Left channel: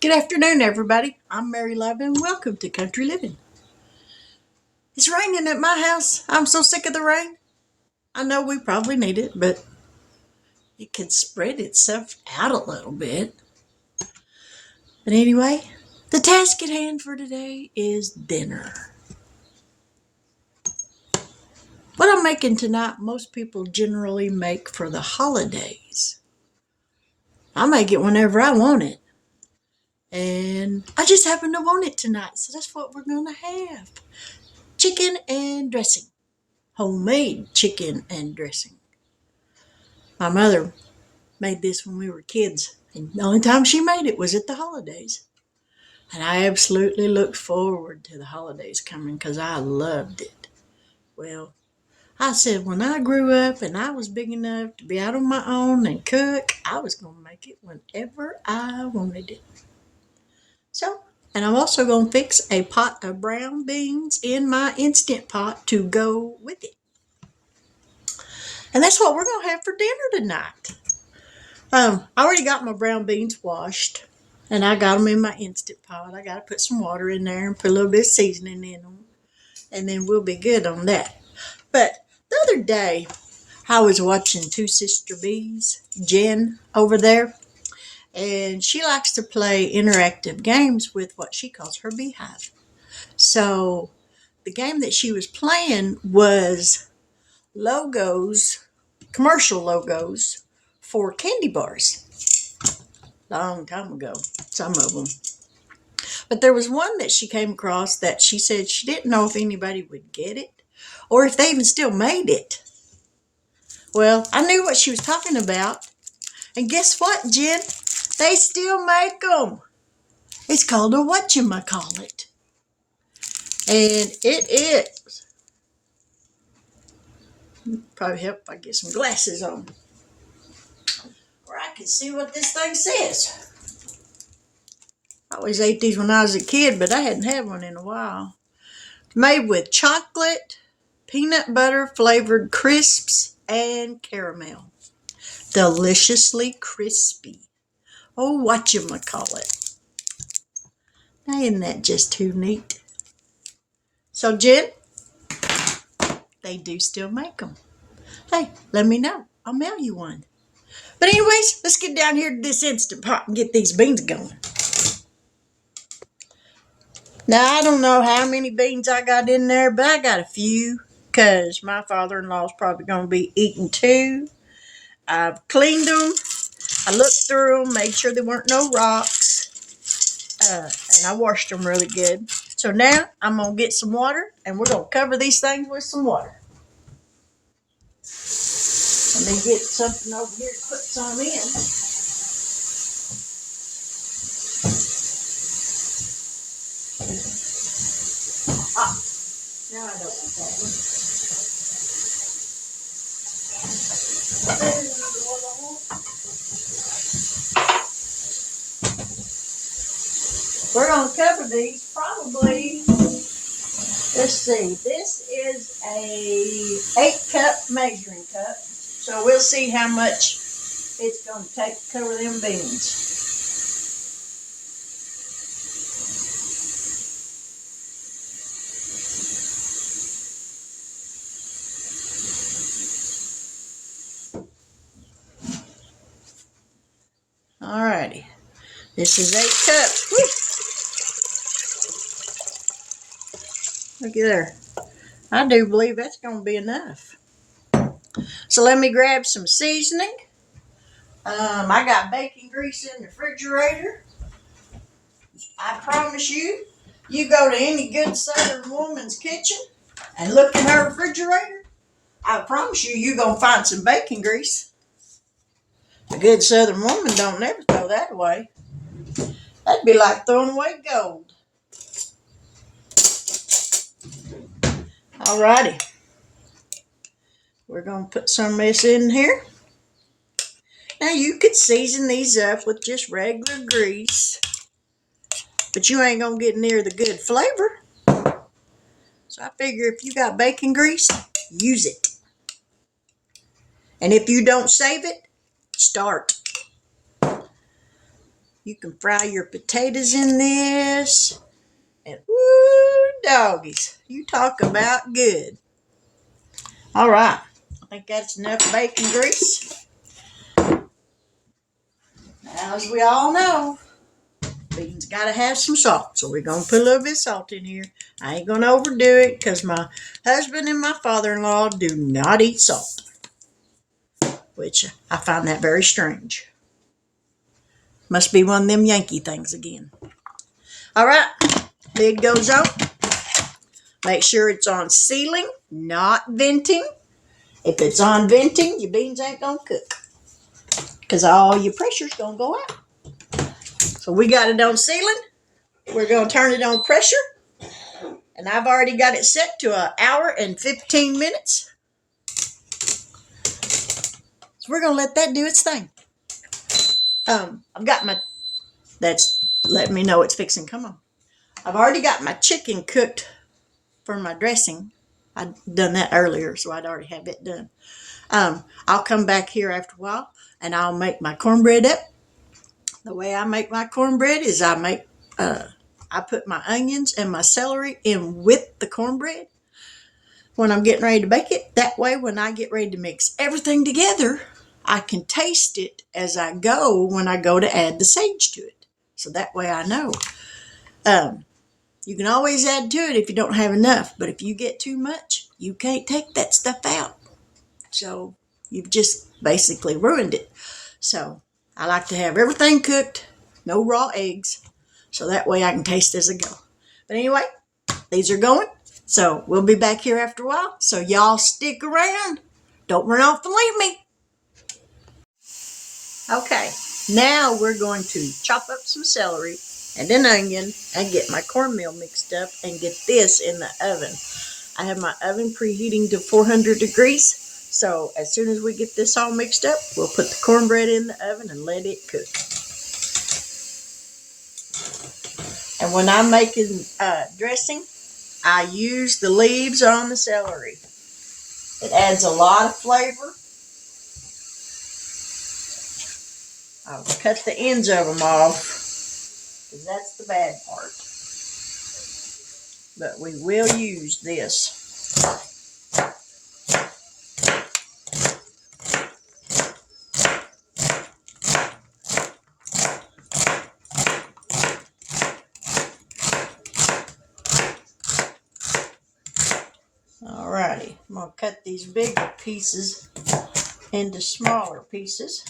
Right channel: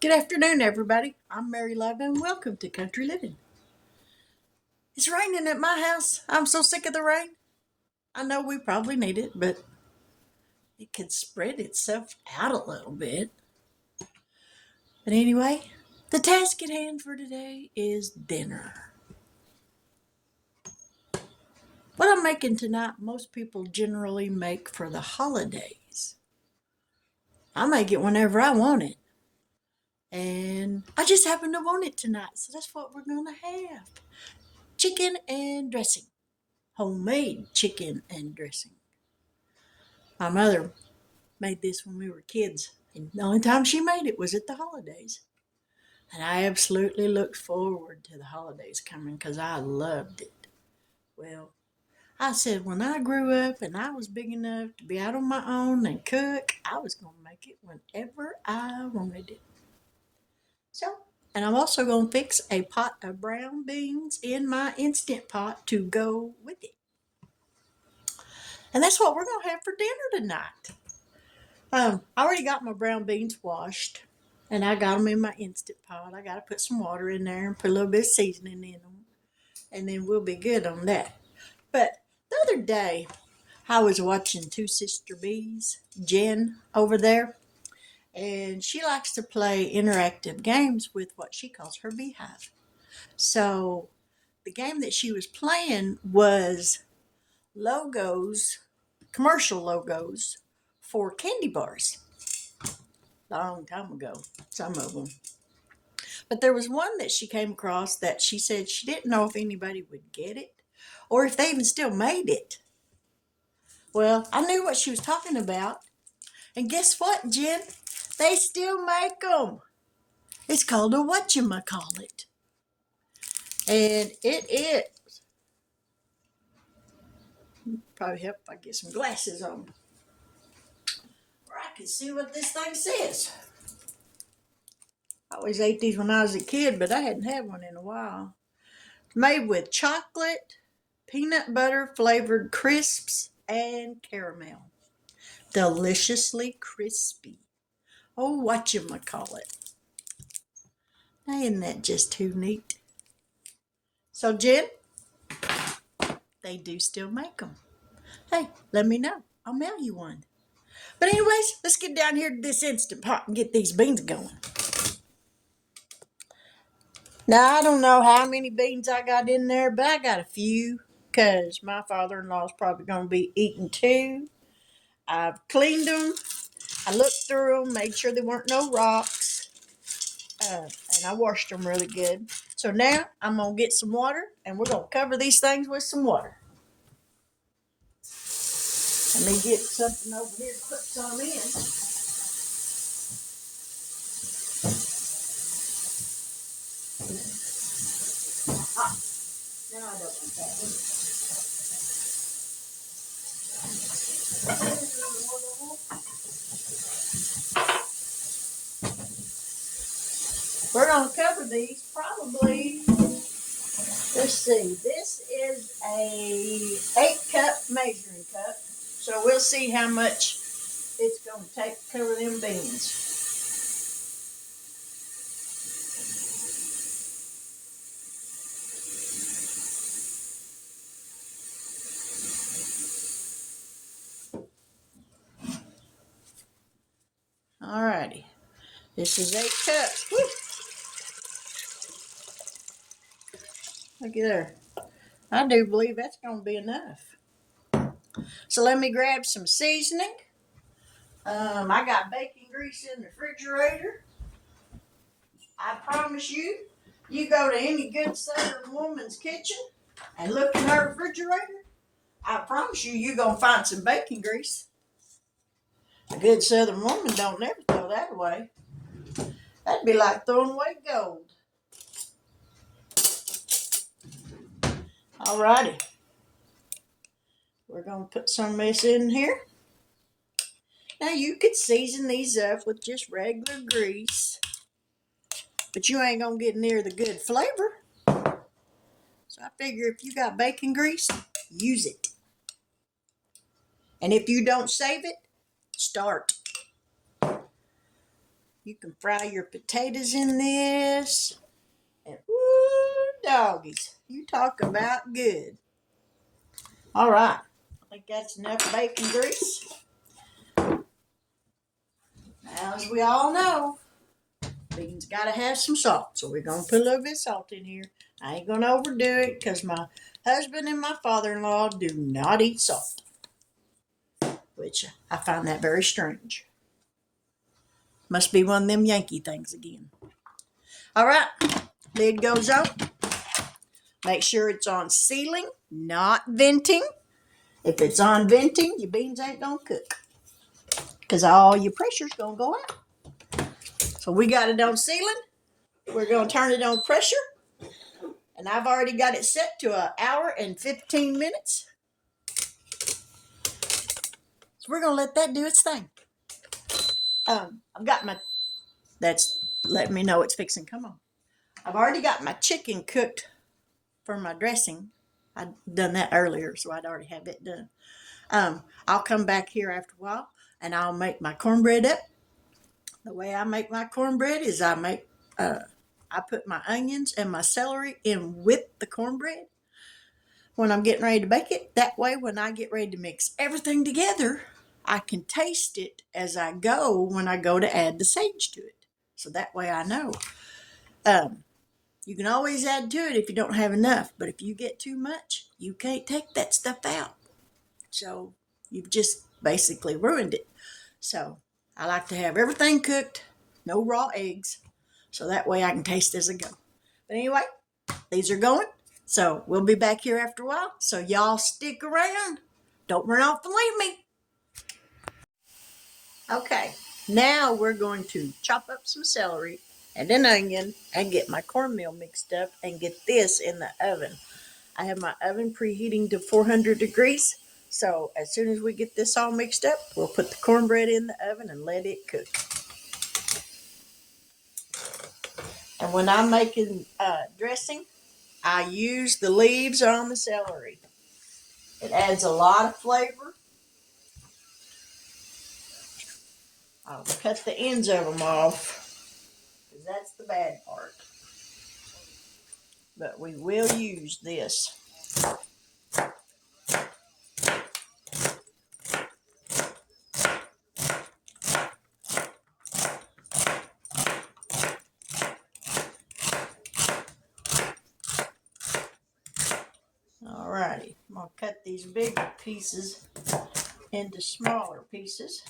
Good afternoon, everybody. I'm Mary Love, and welcome to Country Living. It's raining at my house. I'm so sick of the rain. I know we probably need it, but it can spread itself out a little bit. But anyway, the task at hand for today is dinner. What I'm making tonight, most people generally make for the holidays. I make it whenever I want it. And I just happen to want it tonight, so that's what we're going to have. Chicken and dressing. Homemade chicken and dressing. My mother made this when we were kids, and the only time she made it was at the holidays. And I absolutely looked forward to the holidays coming because I loved it. Well, I said when I grew up and I was big enough to be out on my own and cook, I was going to make it whenever I wanted it. So, and I'm also going to fix a pot of brown beans in my Instant Pot to go with it. And that's what we're going to have for dinner tonight. I already got my brown beans washed, and I got them in my Instant Pot. I got to put some water in there and put a little bit of seasoning in them, and then we'll be good on that. But the other day, I was watching Two Sister Bees, Jen over there, and she likes to play interactive games with what she calls her beehive. So the game that she was playing was logos, commercial logos for candy bars. Long time ago, some of them. But there was one that she came across that she said she didn't know if anybody would get it or if they even still made it. Well, I knew what she was talking about. And guess what, Jen? They still make them. It's called a whatchamacallit. And it is. Probably help if I get some glasses on, where I can see what this thing says. I always ate these when I was a kid, but I hadn't had one in a while. Made with chocolate, peanut butter flavored crisps, and caramel. Deliciously crispy. Oh, whatchamacallit. Now, isn't that just too neat? So, Jen, they do still make them. Hey, let me know. I'll mail you one. But anyways, let's get down here to this Instant Pot and get these beans going. Now, I don't know how many beans I got in there, but I got a few because my father-in-law's probably going to be eating two. I've cleaned them. I looked through them, made sure there weren't no rocks, and I washed them really good. So now I'm going to get some water, and we're going to cover these things with some water. And then get something over here to put some in. Now I don't want that one. We're going to cover these probably, let's see, this is a 8-cup measuring cup. So we'll see how much it's going to take to cover them beans. Alrighty, this is 8 cups. Woo. Look at there. I do believe that's going to be enough. So let me grab some seasoning. I got bacon grease in the refrigerator. I promise you, you go to any good Southern woman's kitchen and look in her refrigerator, I promise you, you're going to find some bacon grease. A good Southern woman don't never throw that away. That'd be like throwing away gold. Alrighty. We're going to put some of this in here. Now you could season these up with just regular grease, but you ain't going to get near the good flavor. So I figure if you got bacon grease, use it. And if you don't save it, start. You can fry your potatoes in this. And woo, doggies, you talk about good. All right, I think that's enough bacon grease. As we all know, beans got to have some salt, so we're going to put a little bit of salt in here. I ain't going to overdo it because my husband and my father-in-law do not eat salt, which I find that very strange. Must be one of them Yankee things again. All right, lid goes on. Make sure it's on sealing, not venting. If it's on venting, your beans ain't going to cook because all your pressure's going to go out. So we got it on sealing. We're going to turn it on pressure. And I've already got it set to 1 hour and 15 minutes. So we're going to let that do its thing. I've got my, that's letting me know it's fixing. Come on. I've already got my chicken cooked for my dressing. I'd done that earlier, so I'd already have it done. I'll come back here after a while and I'll make my cornbread up. The way I make my cornbread is I put my onions and my celery in with the cornbread when I'm getting ready to bake it. That way, when I get ready to mix everything together, I can taste it as I go when I go to add the sage to it. So that way I know. You can always add to it if you don't have enough, but if you get too much, you can't take that stuff out. So you've just basically ruined it. So I like to have everything cooked, no raw eggs, so that way I can taste as I go. But anyway, these are going. So we'll be back here after a while. So y'all stick around. Don't run off and leave me. Okay, now we're going to chop up some celery and an onion and get my cornmeal mixed up and get this in the oven. I have my oven preheating to 400 degrees. So as soon as we get this all mixed up, we'll put the cornbread in the oven and let it cook. And when I'm making dressing, I use the leaves on the celery. It adds a lot of flavor. I'll cut the ends of them off because that's the bad part. But we will use this. Alrighty, I'm going to cut these bigger pieces into smaller pieces.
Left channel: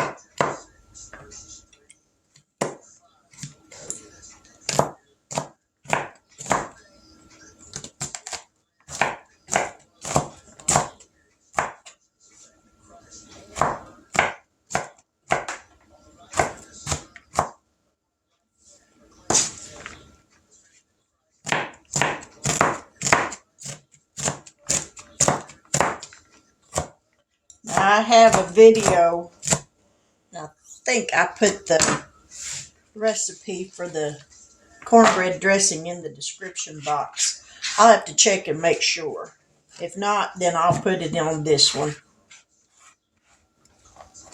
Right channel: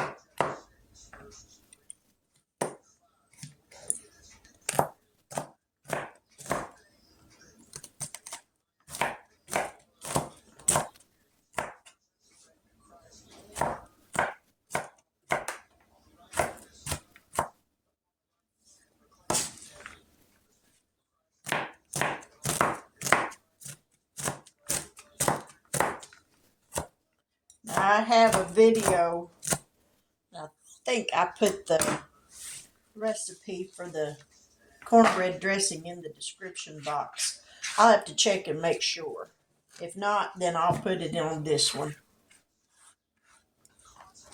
I have a video. I think I put the recipe for the cornbread dressing in the description box. I'll have to check and make sure. If not, then I'll put it on this one.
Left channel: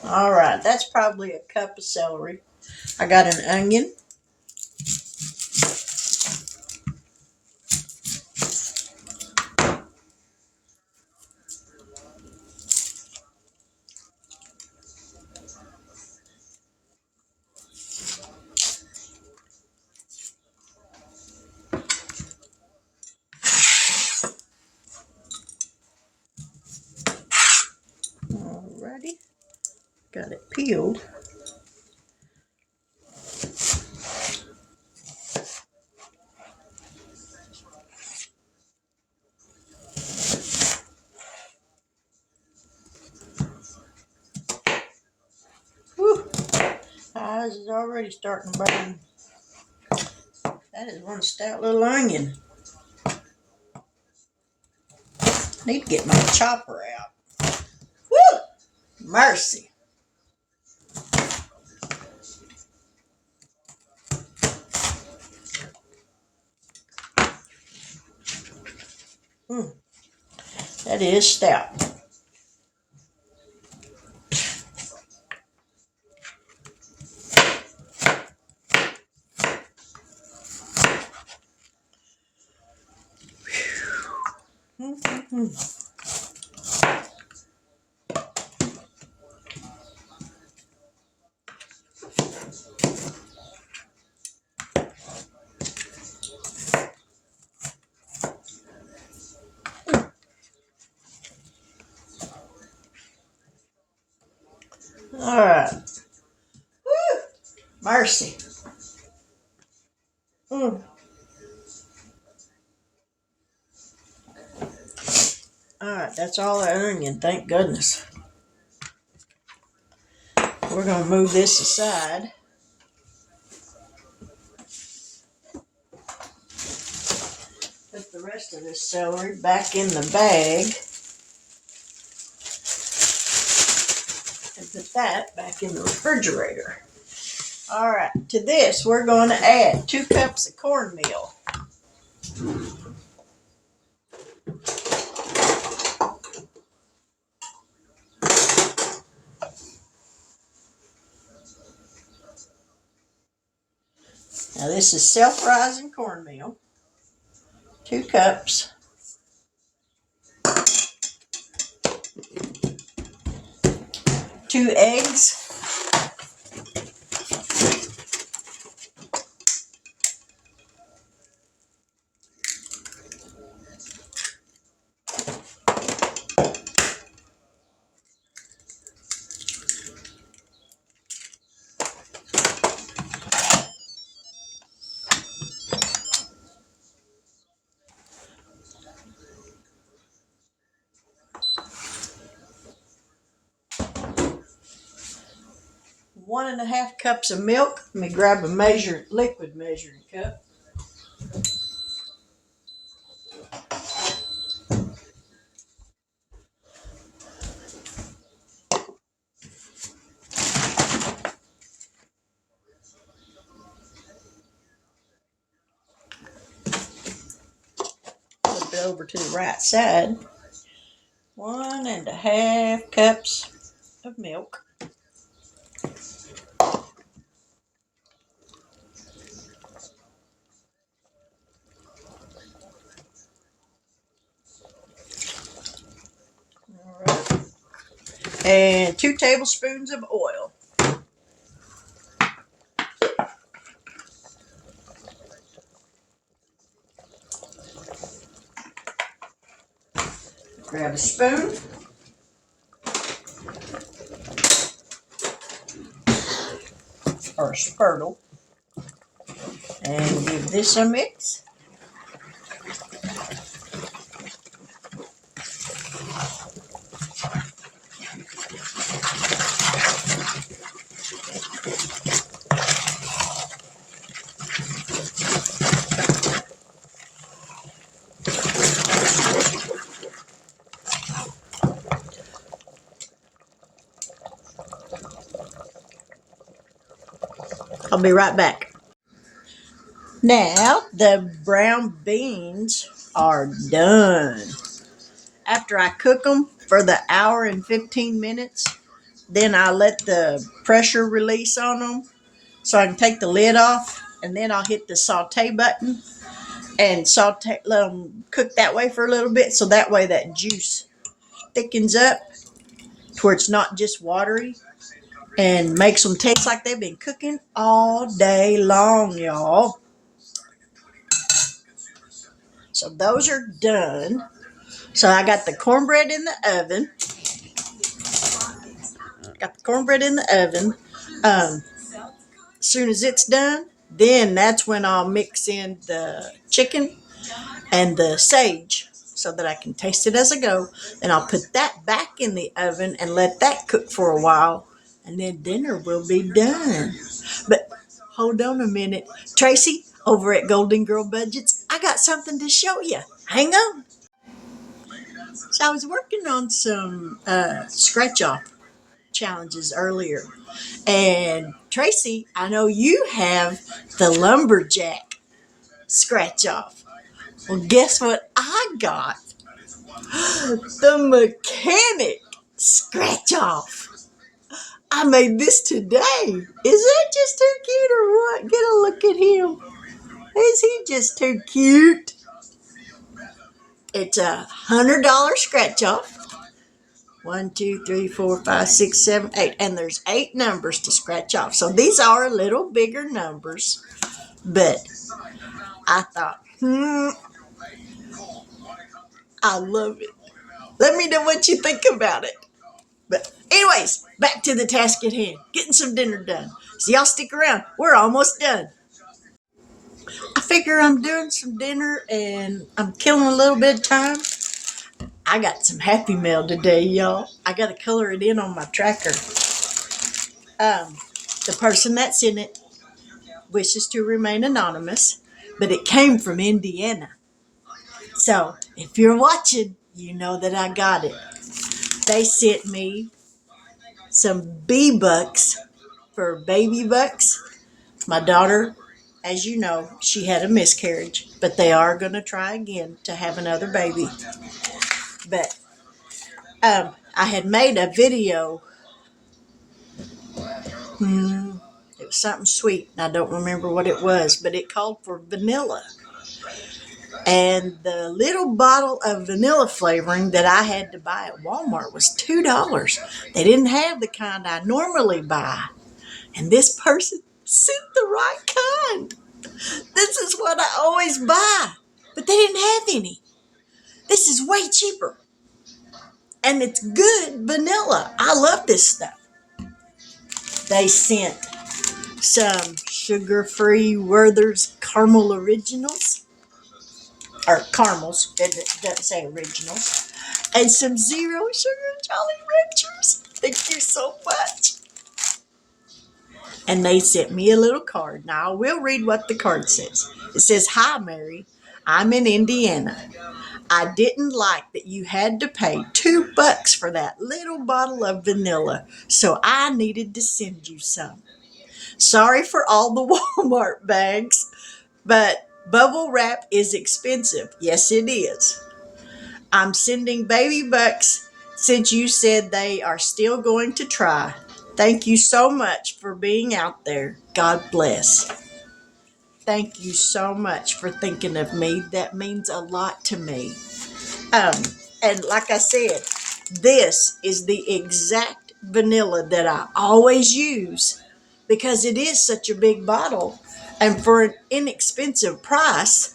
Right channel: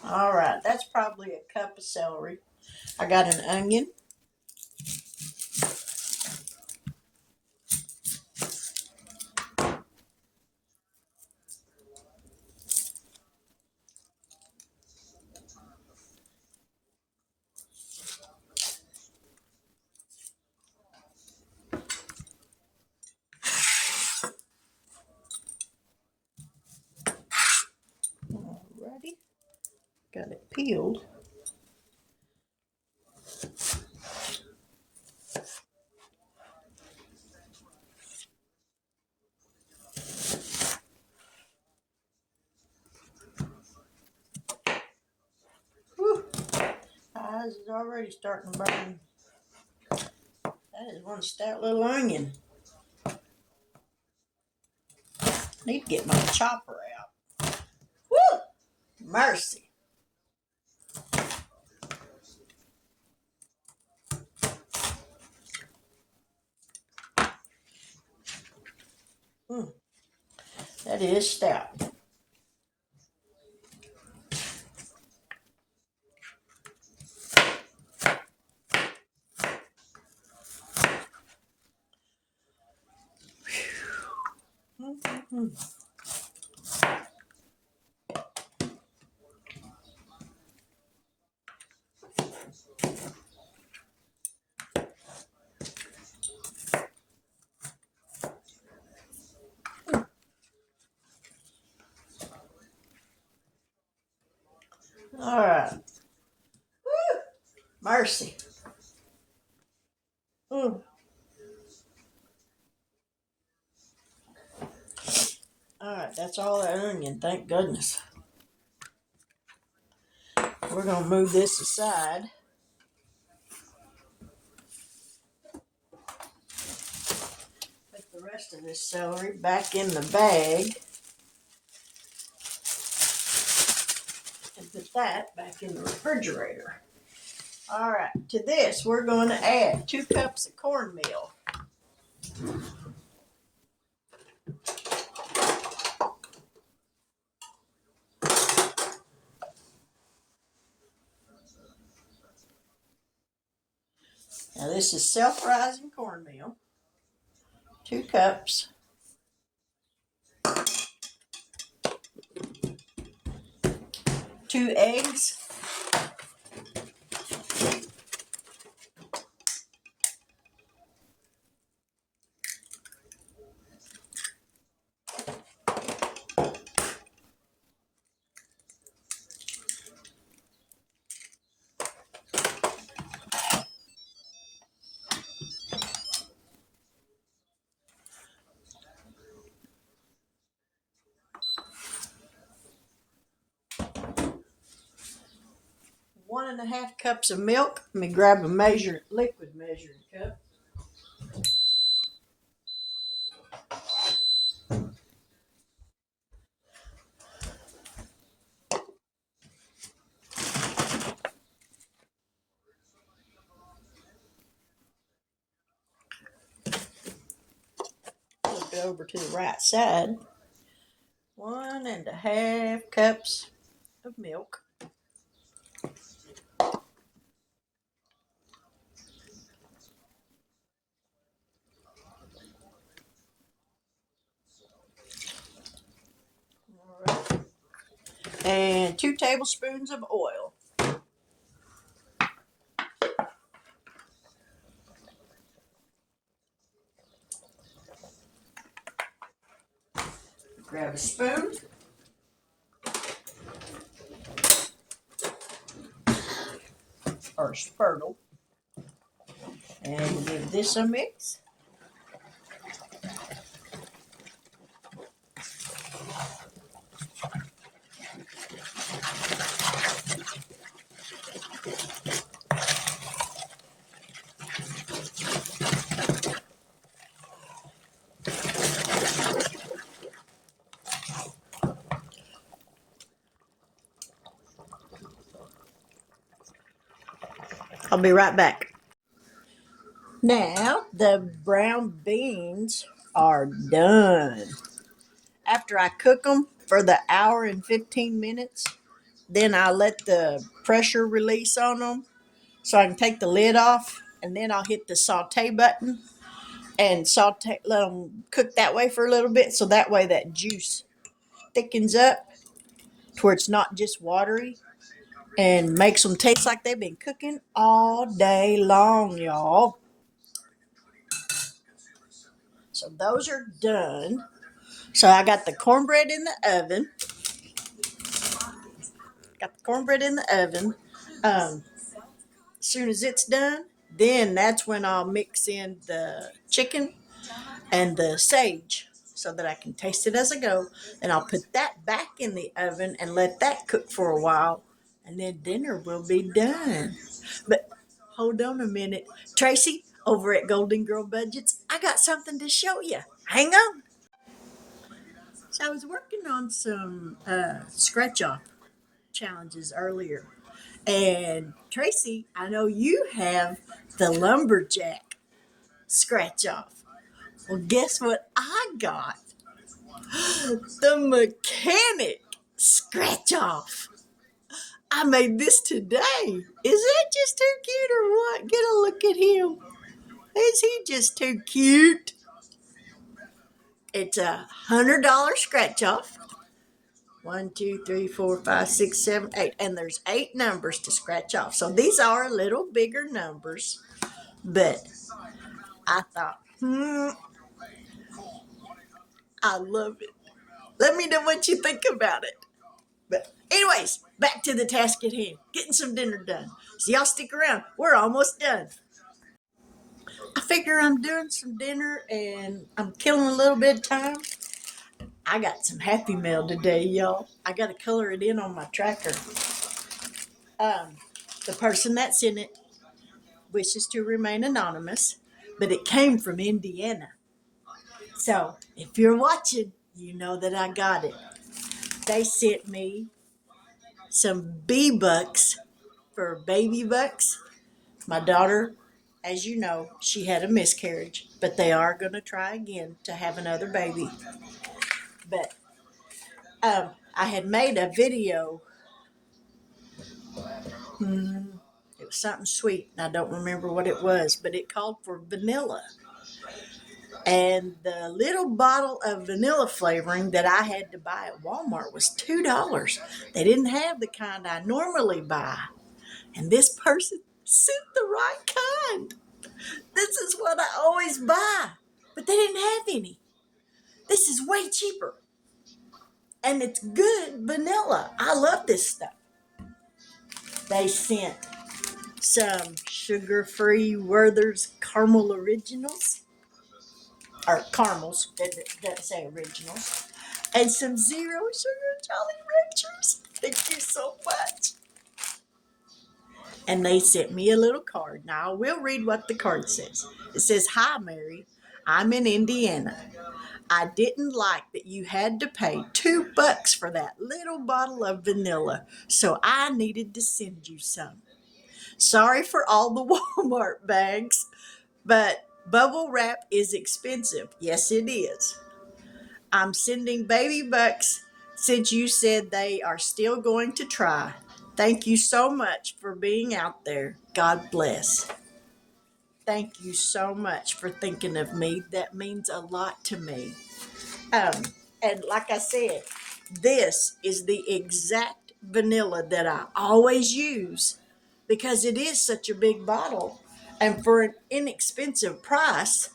All right, that's probably a cup of celery. I got an onion. Alrighty, got it peeled. Whew. Eyes is already starting to burn. That is one stout little onion. I need to get my chopper out. Woo! Mercy. That is stout. All right. Woo! Mercy. Mm. All right, that's all the onion, thank goodness. We're going to move this aside. Put the rest of this celery back in the bag. And put that back in the refrigerator. All right, to this, we're going to add 2 cups of cornmeal. Now, this is self-rising cornmeal. 2 cups. 2 eggs. One and a half cups of milk. Let me grab a liquid measuring cup. Flip it over to the right side. 1 and a half cups of milk. All right. And 2 tablespoons of oil. Grab a spoon. Or a spurtle. And give this a mix. I'll be right back. Now the brown beans are done. After I cook them for the hour and 15 minutes, then I let the pressure release on them so I can take the lid off, and then I'll hit the saute button and let them cook that way for a little bit, so that way that juice thickens up to where it's not just watery and makes them taste like they've been cooking all day long, y'all. So those are done. So I got the cornbread in the oven. As soon as it's done, then that's when I'll mix in the chicken and the sage so that I can taste it as I go. And I'll put that back in the oven and let that cook for a while. And then dinner will be done. But hold on a minute. Tracy, over at Golden Girl Budgets, I got something to show you. Hang on. So I was working on some scratch off challenges earlier. And Tracy, I know you have the lumberjack scratch off. Well, guess what I got? The mechanic scratch off. I made this today. Is that just too cute or what? Get a look at him. Is he just too cute? It's $100 scratch off. 1, 2, 3, 4, 5, 6, 7, 8. And there's 8 numbers to scratch off. So these are a little bigger numbers. But I thought, I love it. Let me know what you think about it. But anyway, anyways, back to the task at hand, getting some dinner done. So y'all stick around. We're almost done. I figure I'm doing some dinner and I'm killing a little bit of time. I got some Happy Mail today, y'all. I got to color it in on my tracker. The person that's in it wishes to remain anonymous, but it came from Indiana. So if you're watching, you know that I got it. They sent me some bee bucks for baby bucks. My daughter, as you know, she had a miscarriage, but they are going to try again to have another baby. But I had made a video. It was something sweet, and I don't remember what it was, but it called for vanilla. And the little bottle of vanilla flavoring that I had to buy at Walmart was $2. They didn't have the kind I normally buy. And this person sent the right kind. This is what I always buy. But they didn't have any. This is way cheaper. And it's good vanilla. I love this stuff. They sent some sugar-free Werther's Caramel Originals. Or caramels, it doesn't say originals, and some zero sugar Jolly Ranchers. Thank you so much. And they sent me a little card. Now I will read what the card says. It says, "Hi Mary, I'm in Indiana. I didn't like that you had to pay $2 for that little bottle of vanilla, so I needed to send you some. Sorry for all the Walmart bags, but bubble wrap is expensive." Yes, it is. "I'm sending baby bucks since you said they are still going to try. Thank you so much for being out there. God bless." Thank you so much for thinking of me. That means a lot to me. And like I said, this is the exact vanilla that I always use because it is such a big bottle and for an inexpensive price.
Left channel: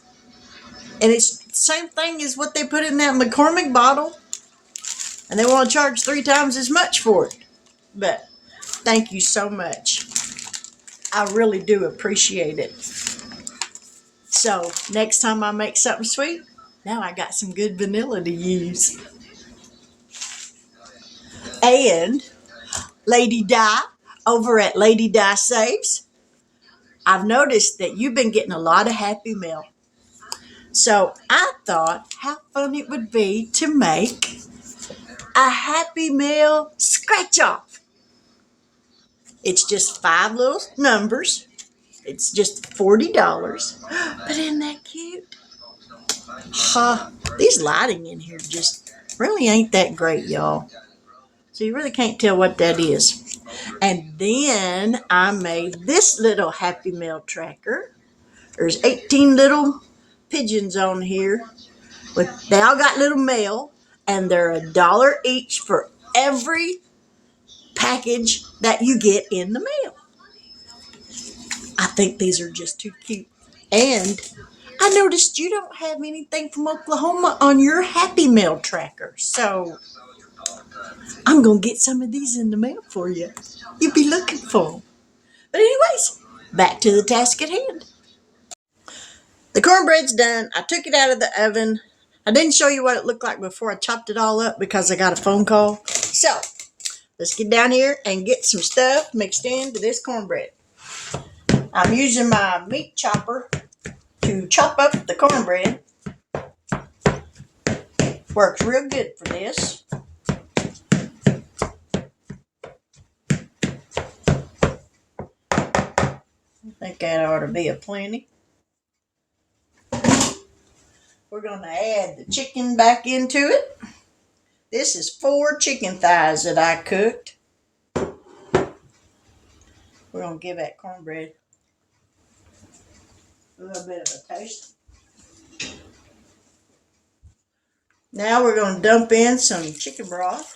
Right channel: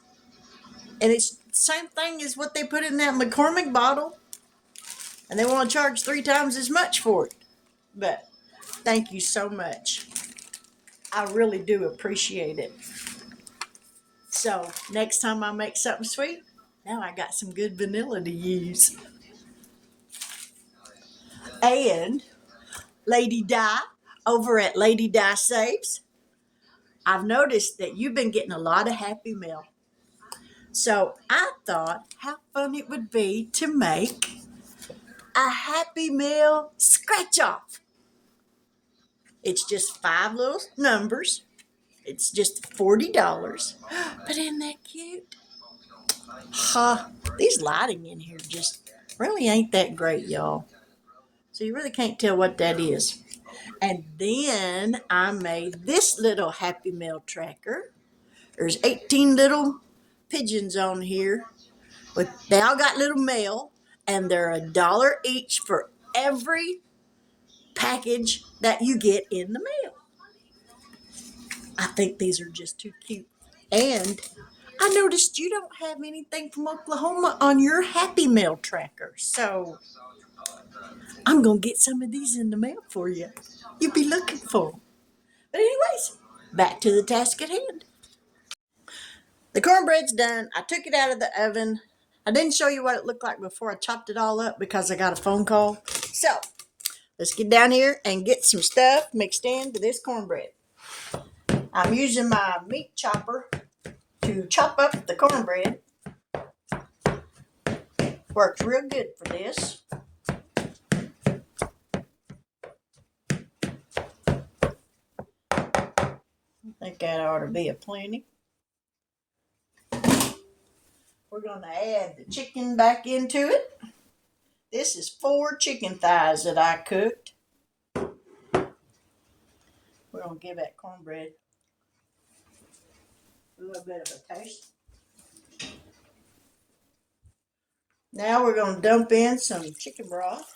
And it's the same thing as what they put in that McCormick bottle. And they want to charge 3 times as much for it. But thank you so much. I really do appreciate it. So next time I make something sweet, now I got some good vanilla to use. And Lady Di over at Lady Di Saves, I've noticed that you've been getting a lot of Happy Mail. So I thought how fun it would be to make a Happy Mail scratch off. It's just 5 little numbers. It's just $40. But isn't that cute? These lighting in here just really ain't that great, y'all. So you really can't tell what that is. And then I made this little Happy Mail tracker. There's 18 little pigeons on here. They all got little mail, and they're $1 each for every package that you get in the mail. I think these are just too cute. And I noticed you don't have anything from Oklahoma on your Happy Mail tracker. So I'm going to get some of these in the mail for you. You'll be looking for them. But anyways, back to the task at hand. The cornbread's done. I took it out of the oven. I didn't show you what it looked like before I chopped it all up because I got a phone call. So let's get down here and get some stuff mixed into this cornbread. I'm using my meat chopper to chop up the cornbread. Works real good for this. I think that ought to be a plenty. We're going to add the chicken back into it. This is 4 chicken thighs that I cooked. We're going to give that cornbread a little bit of a taste. Now we're going to dump in some chicken broth.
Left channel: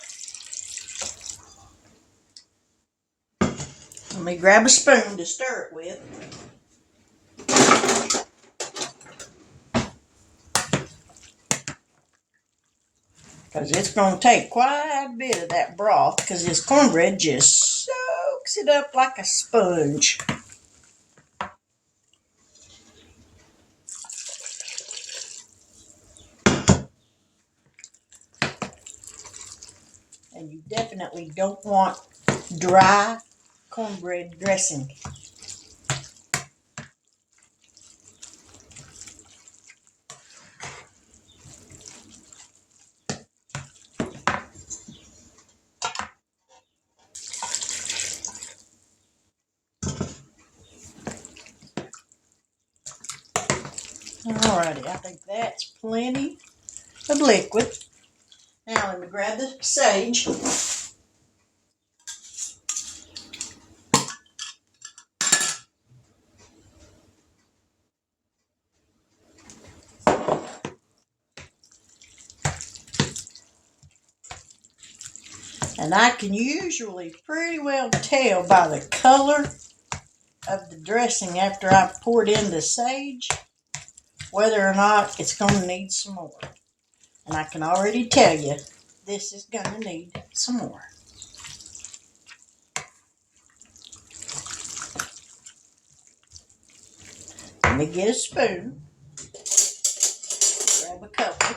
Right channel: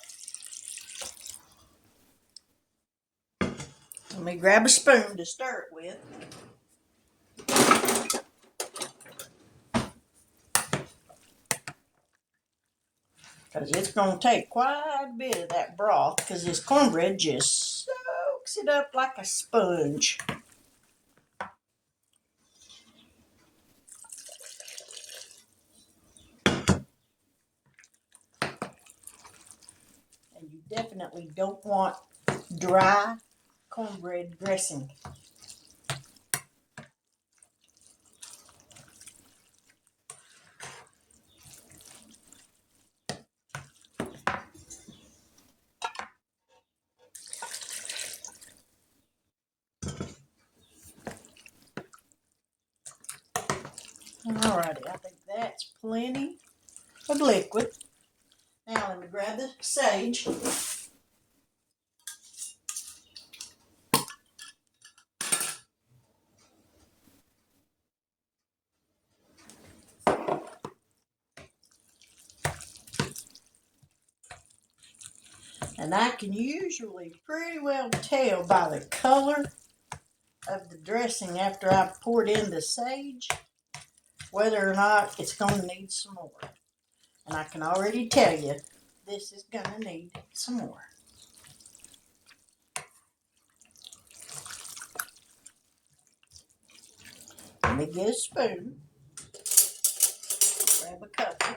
Let me grab a spoon to stir it with. because it's going to take quite a bit of that broth because this cornbread just soaks it up like a sponge. And you definitely don't want dry cornbread dressing. Alrighty, I think that's plenty of liquid. Now let me grab the sage. And I can usually pretty well tell by the color of the dressing after I've poured in the sage whether or not it's going to need some more. And I can already tell you this is going to need some more. Let me get a spoon. Grab a couple.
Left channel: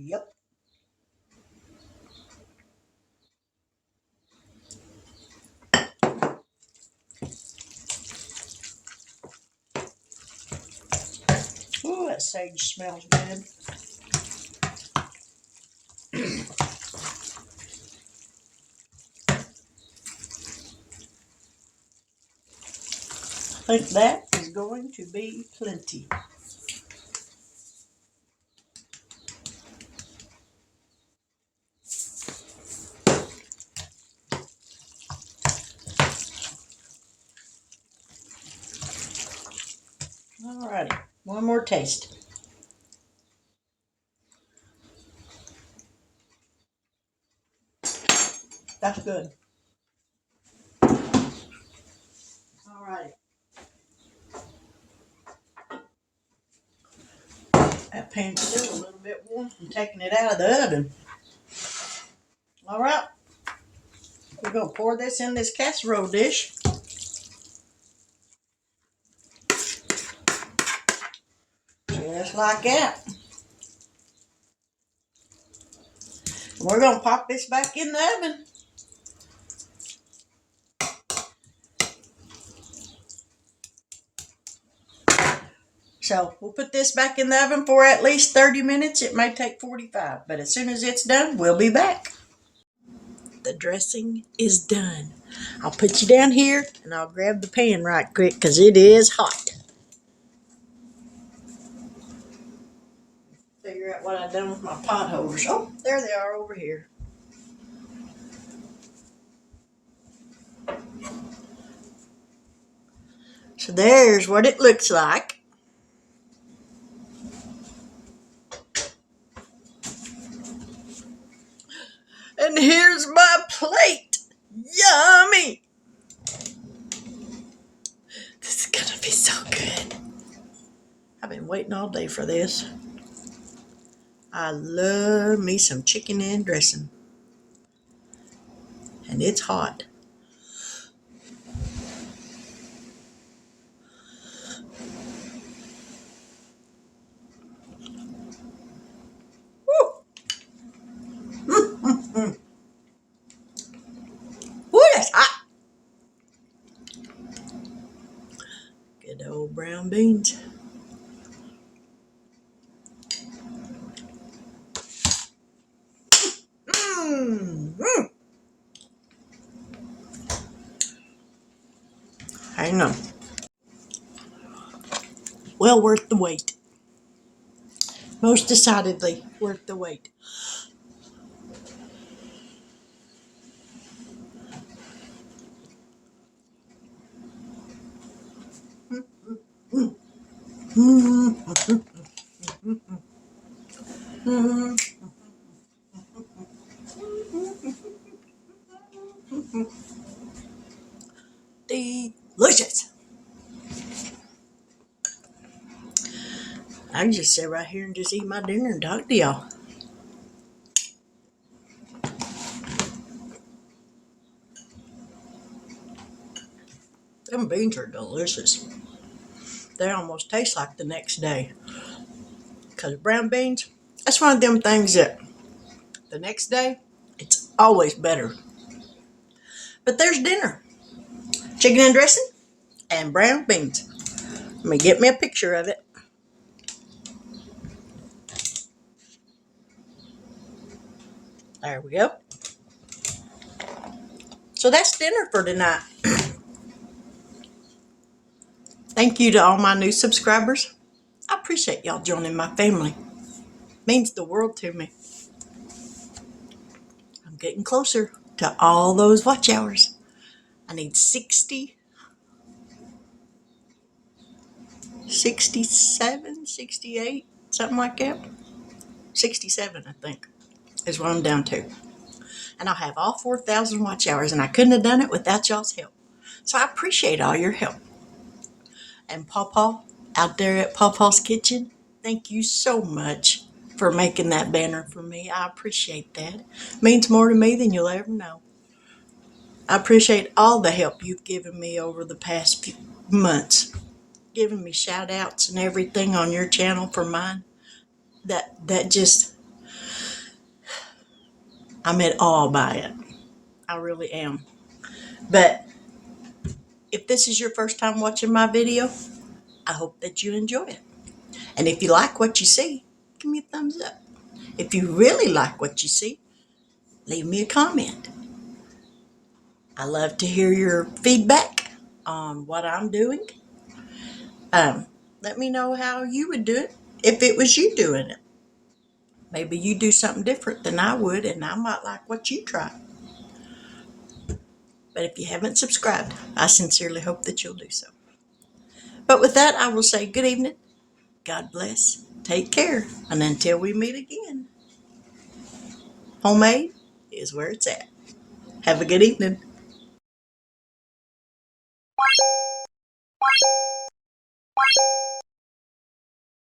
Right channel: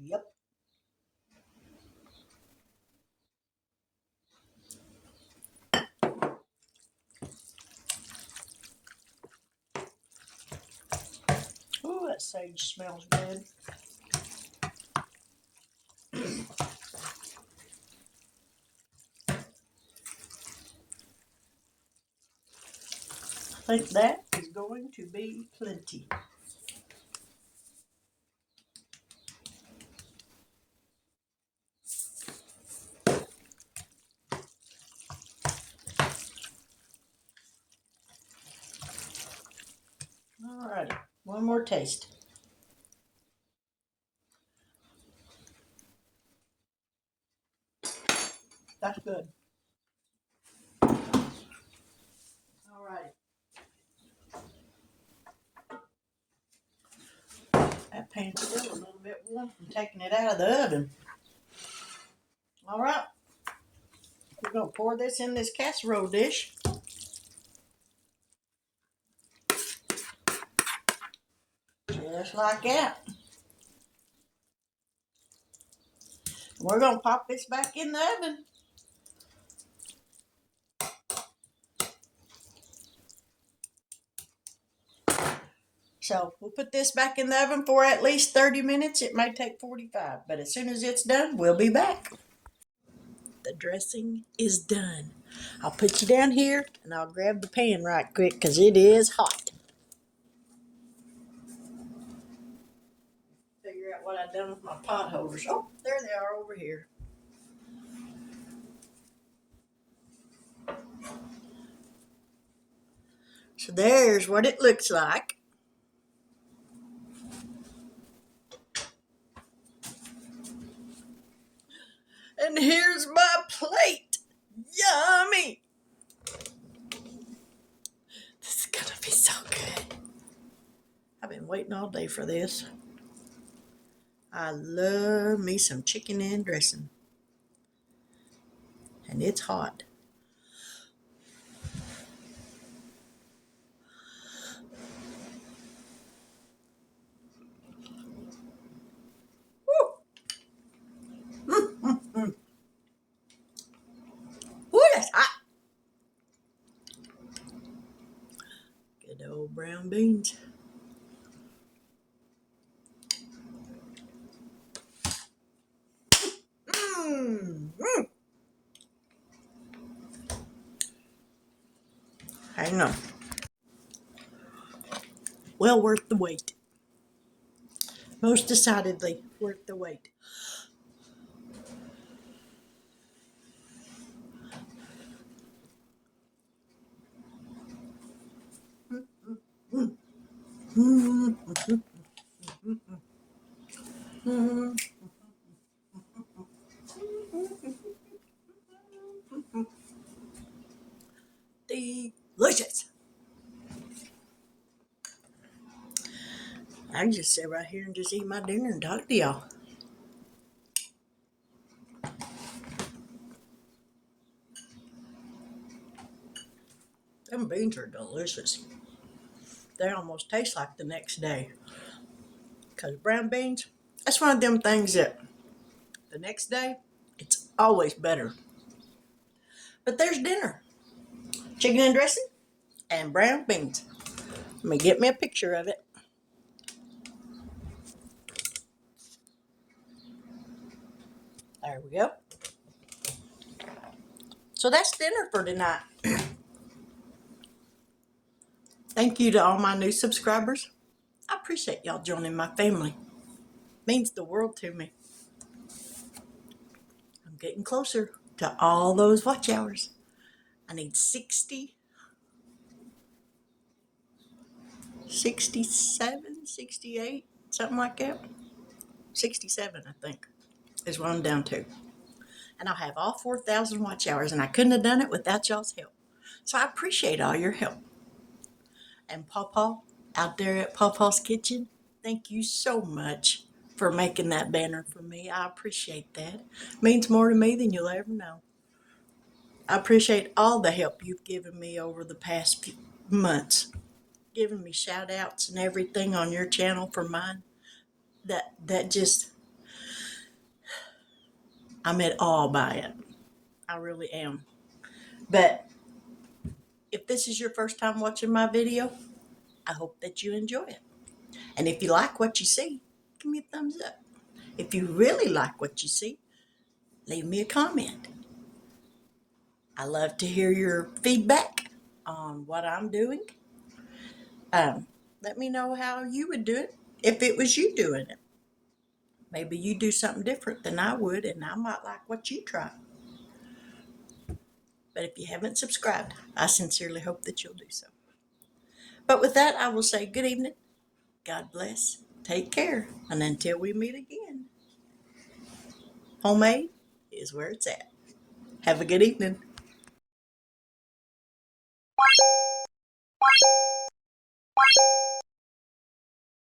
Yep. Ooh, that sage smells good. I think that is going to be plenty. Alrighty, one more taste. That's good. Alrighty. That pan's still a little bit warm from taking it out of the oven. Alright. We're going to pour this in this casserole dish. Just like that. We're going to pop this back in the oven. So we'll put this back in the oven for at least 30 minutes. It may take 45, but as soon as it's done, we'll be back. The dressing is done. I'll put you down here and I'll grab the pan right quick because it is hot. Figure out what I've done with my pot holders. Oh, there they are over here. So there's what it looks like. And here's my plate. Yummy. This is gonna be so good. I've been waiting all day for this. I love me some chicken and dressing. And it's hot. Woo, that's hot. Good old brown beans. Hang on. Well worth the wait. Most decidedly worth the wait. I can just sit right here and just eat my dinner and talk to y'all. Them beans are delicious. They almost taste like the next day. Because brown beans, that's one of them things that the next day, it's always better. But there's dinner. Chicken and dressing and brown beans. Let me get me a picture of it. There we go. So that's dinner for tonight. Thank you to all my new subscribers. I appreciate y'all joining my family. Means the world to me. I'm getting closer to all those watch hours. I need 67, 68, something like that. 67, I think, is what I'm down to. And I'll have all 4,000 watch hours, and I couldn't have done it without y'all's help. So I appreciate all your help. And Pawpaw, out there at Pawpaw's Kitchen, thank you so much for making that banner for me. I appreciate that. It means more to me than you'll ever know. I appreciate all the help you've given me over the past few months, giving me shout outs and everything on your channel for mine. That just, I'm in awe by it. I really am. But if this is your first time watching my video, I hope that you enjoy it. And if you like what you see, give me a thumbs up. If you really like what you see, leave me a comment. I love to hear your feedback on what I'm doing. Let me know how you would do it if it was you doing it. Maybe you do something different than I would, and I might like what you try. But if you haven't subscribed, I sincerely hope that you'll do so. But with that, I will say good evening. God bless. Take care. And until we meet again, homemade is where it's at. Have a good evening.